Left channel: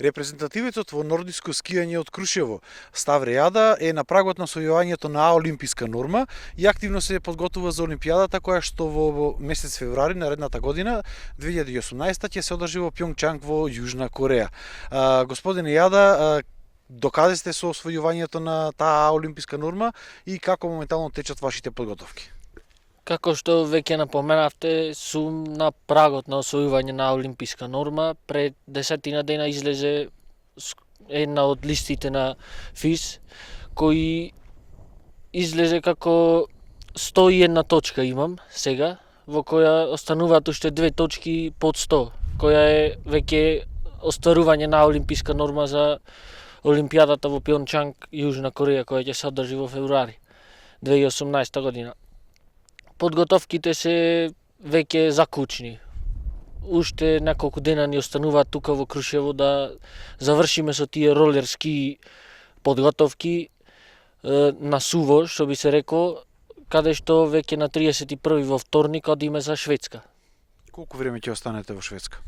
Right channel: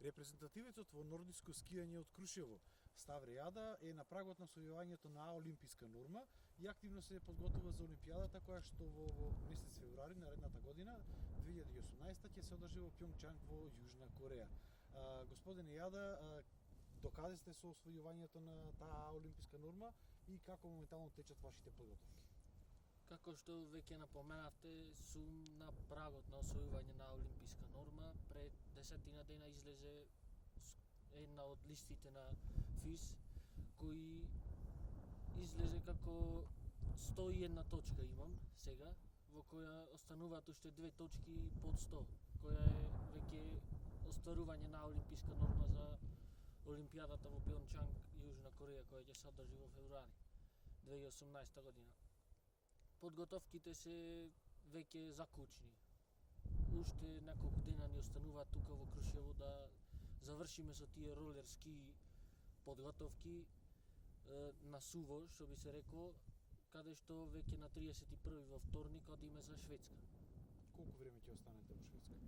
Репрезентативецот во нордиско скијање од Крушево, Ставрејада, е на прагот на освојувањето на олимписка норма и активно се подготвува за Олимпијадата која што во месец февруари наредната година, 2018, ќе се одржи во Пјонгчанг во Јужна Кореја. Господине Јада, докаде сте со освојувањето на таа олимписка норма и како моментално течат вашите подготовки? Како што веќе напоменавте, сум на прагот на освојување на олимписка норма. Пред 10 дена излезе една од листите на ФИС, кој излезе како 101 точка имам сега, во која остануваат уште 2 точки под 100, која е веќе остварување на олимписка норма за Олимпијадата во Пјончанг, Јужна Кореја, која ќе се одржи во февруари 2018 година. Подготовките се веќе закучни. Уште неколку дена ни остануваат тука во Крушево да завршиме со тие ролерски подготовки на суво, што би се реко, каде што веќе на 31 во вторник одиме за Шведска. Колку време ќе останете во Шведска?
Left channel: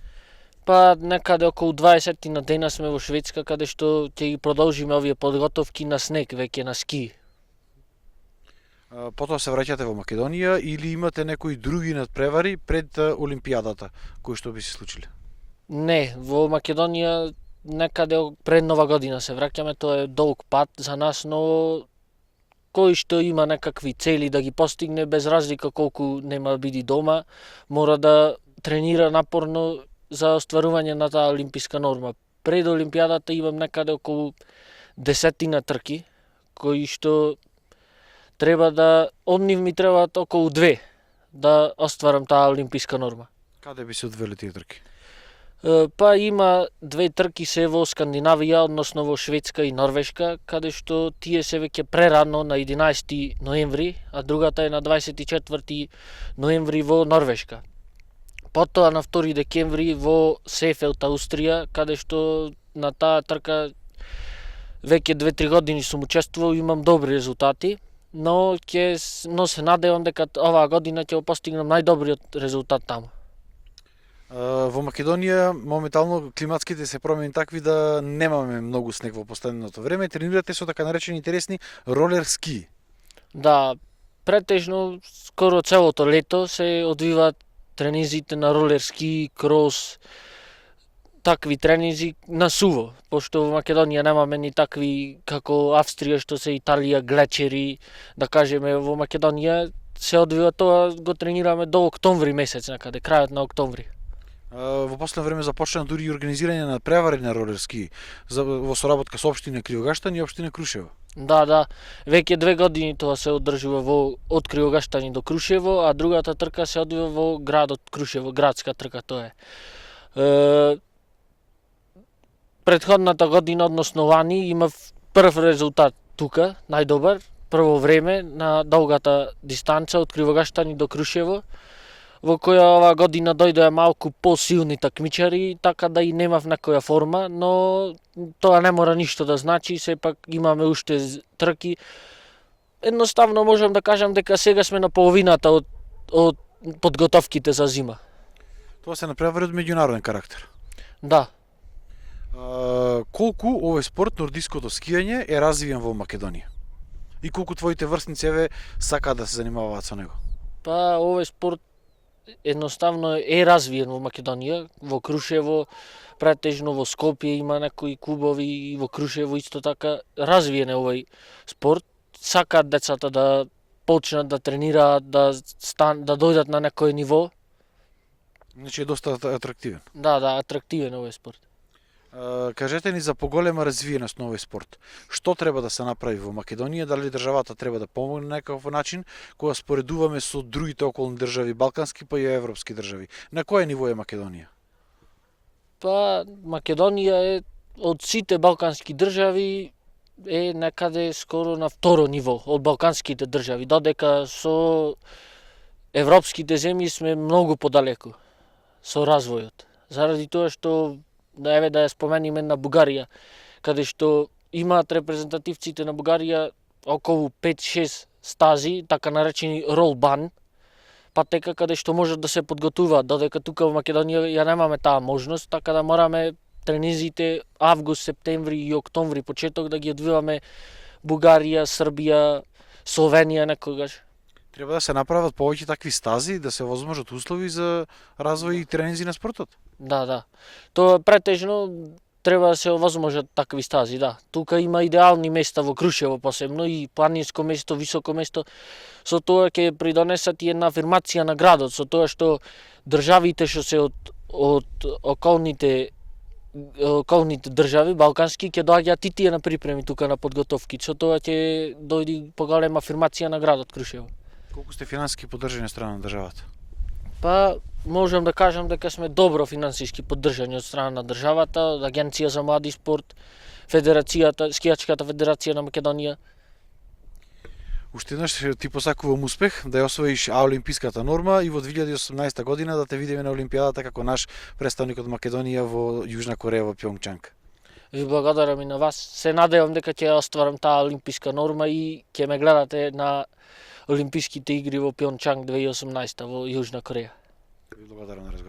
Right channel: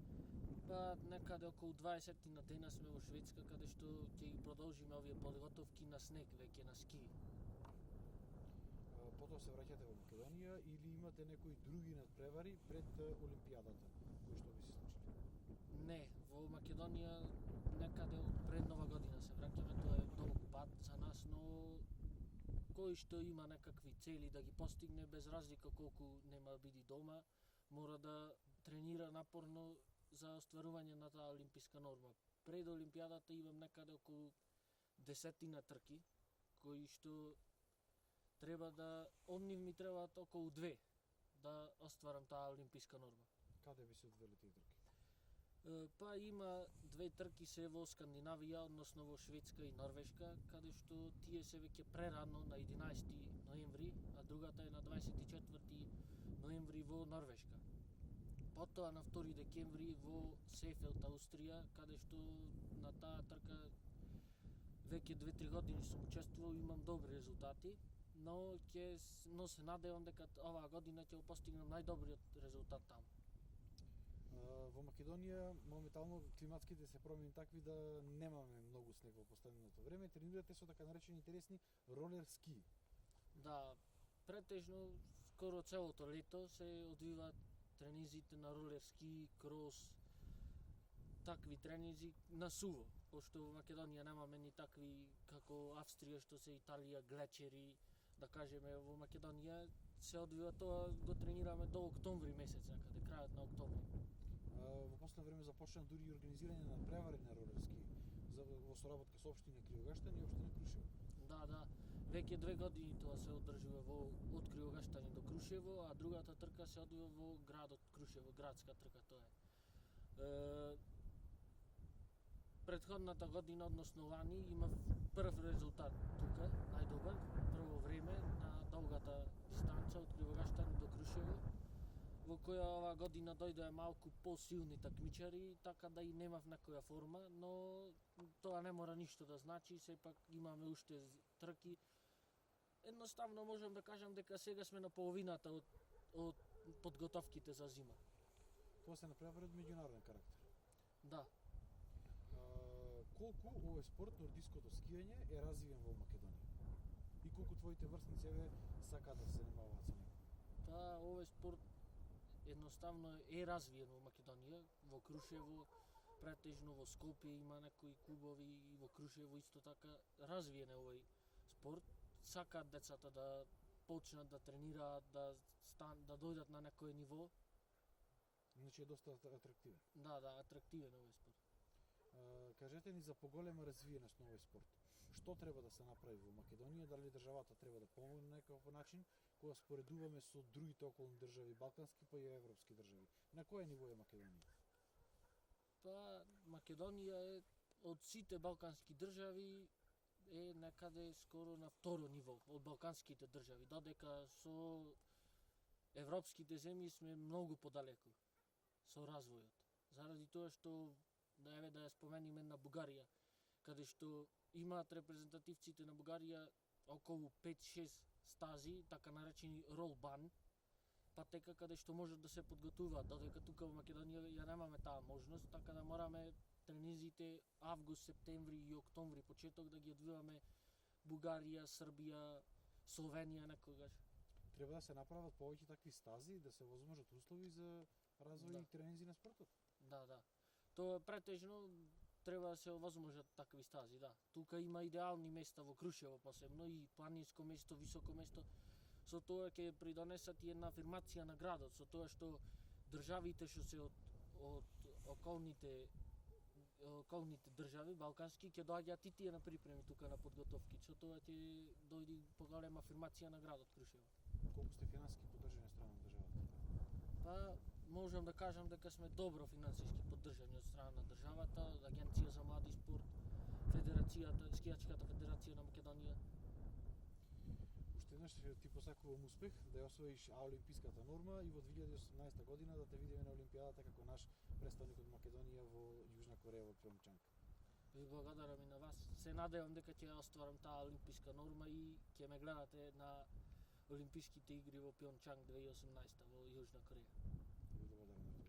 Па некаде околу 20 на дена сме во Шведска, каде што ќе ги продолжиме овие подготовки на снег, веќе на ски. Потоа се враќате во Македонија или имате некои други надпревари пред Олимпијадата кои што би се случиле? Не, во Македонија некаде пред Нова година се враќаме, тоа е долг пат за нас, но кој што има некакви цели да ги постигне, без разлика колку нема биди дома, мора да тренира напорно за остварување на таа олимписка норма. Пред Олимпијадата имам некаде околу 10 трки, кои што треба да, од нив ми требаат околу 2 да остварам таа олимписка норма. Каде би се одвели тие трки? Па има 2 трки се во Скандинавија, односно во Шведска и Норвешка, каде што тие се веќе прерано на 11 ноември, а другата е на 24 ноември во Норвешка. Потоа на 2 декември во Сефелд, Аустрија, каде што на таа трка веќе 2-3 години сум учествувал и имам добри резултати, но се надевам дека оваа година ќе постигнам најдобриот резултат таму. Во Македонија моментално климатските се промени такви да немаме многу снег во последното време. Тренирате со така наречени интересни ролер ски. Да, претежно скоро целото лето се одвиваат тренизите на ролер ски, крос, такви тренинзи на суво, пошто во Македонија немаме ни такви како Австрија, што се Италија, глечери, да кажеме, во Македонија се одвива тоа, го тренираме до октомври месец некаде, крајот на октомври. Во последно време започна дури и организирање на превари на ролер ски во соработка со општина Кривогаштан и општина Крушево. Да, веќе 2 години тоа се одржува од Кривогаштани до Крушево, а другата трка се одвива во градот Крушево, градска трка тоа е. Претходната година, односно лани, имав прв резултат тука, најдобар, прво време на долгата дистанца од Кривогаштани до Крушево, во која оваа година дојдоа малку посилни такмичари, така да и немав некоја форма, но тоа не мора ништо да значи, сепак имаме уште трки. Едноставно можам да кажам дека сега сме на половината од подготовките за зима. Тоа се направи од меѓународен карактер. Да. Колку овој спорт, нордиското скијање, е развиен во Македонија? И колку твоите врсници сакаат да се занимаваат со него? Па овој спорт едноставно е развиен во Македонија, во Крушево, претежно во Скопје има некои клубови и во Крушево исто така развиен е овој спорт. Сакаат децата да почнат да тренираат, да дојдат на некој ниво. Значи е доста атрактивен. Да, атрактивен е овој спорт. Кажете ни за поголема развиеност на овој спорт. Што треба да се направи во Македонија? Дали државата треба да помогне на некаков начин кога споредуваме со другите околни држави, балкански па и европски држави? На кое ниво е Македонија? Па Македонија е од сите балкански држави е некаде скоро на второ ниво од балканските држави, додека со европските земји сме многу подалеку со развојот. Заради тоа што да ја спомениме на Бугарија, каде што имаат репрезентативците на Бугарија околу 5-6 стази, така наречени ролбан, патека каде што можат да се подготуваат, додека тука во Македонија ја немаме таа можност, така да мораме тренизите август, септември и октомври почеток да ги одвиваме Бугарија, Србија, Словенија некогаш. Треба да се направат повеќе такви стази, да се возможат услови за развој и тренинзи на спортот. Да. Тоа претежно треба да се овозможат такви стази, да. Тука има идеални места во Крушево посебно и планинско место, високо место. Со тоа ќе придонесат и една афирмација на градот, со тоа што државите што се од околните држави балкански ќе доаѓаат и тие на припреми тука на подготовки. Со тоа ќе дојде поголема афирмација на градот Крушево. Колку сте финансиски поддржани од страна на државата? Па, можам да кажам дека сме добро финансиски поддржани од страна на државата, од Агенција за млади спорт, Федерацијата, Скијачката федерација на Македонија. Уште еднаш ти посакувам успех да ја освоиш олимписката норма и во 2018 година да те видиме на Олимпијадата како наш представник од Македонија во Јужна Кореја во Пјонгчанг. Ви благодарам и на вас. Се надевам дека ќе ја остварам таа олимписка норма и ќе ме гледате на Олимписките игри во Пјончанг 2018 во Јужна Кореја. Ви благодарам на разговор.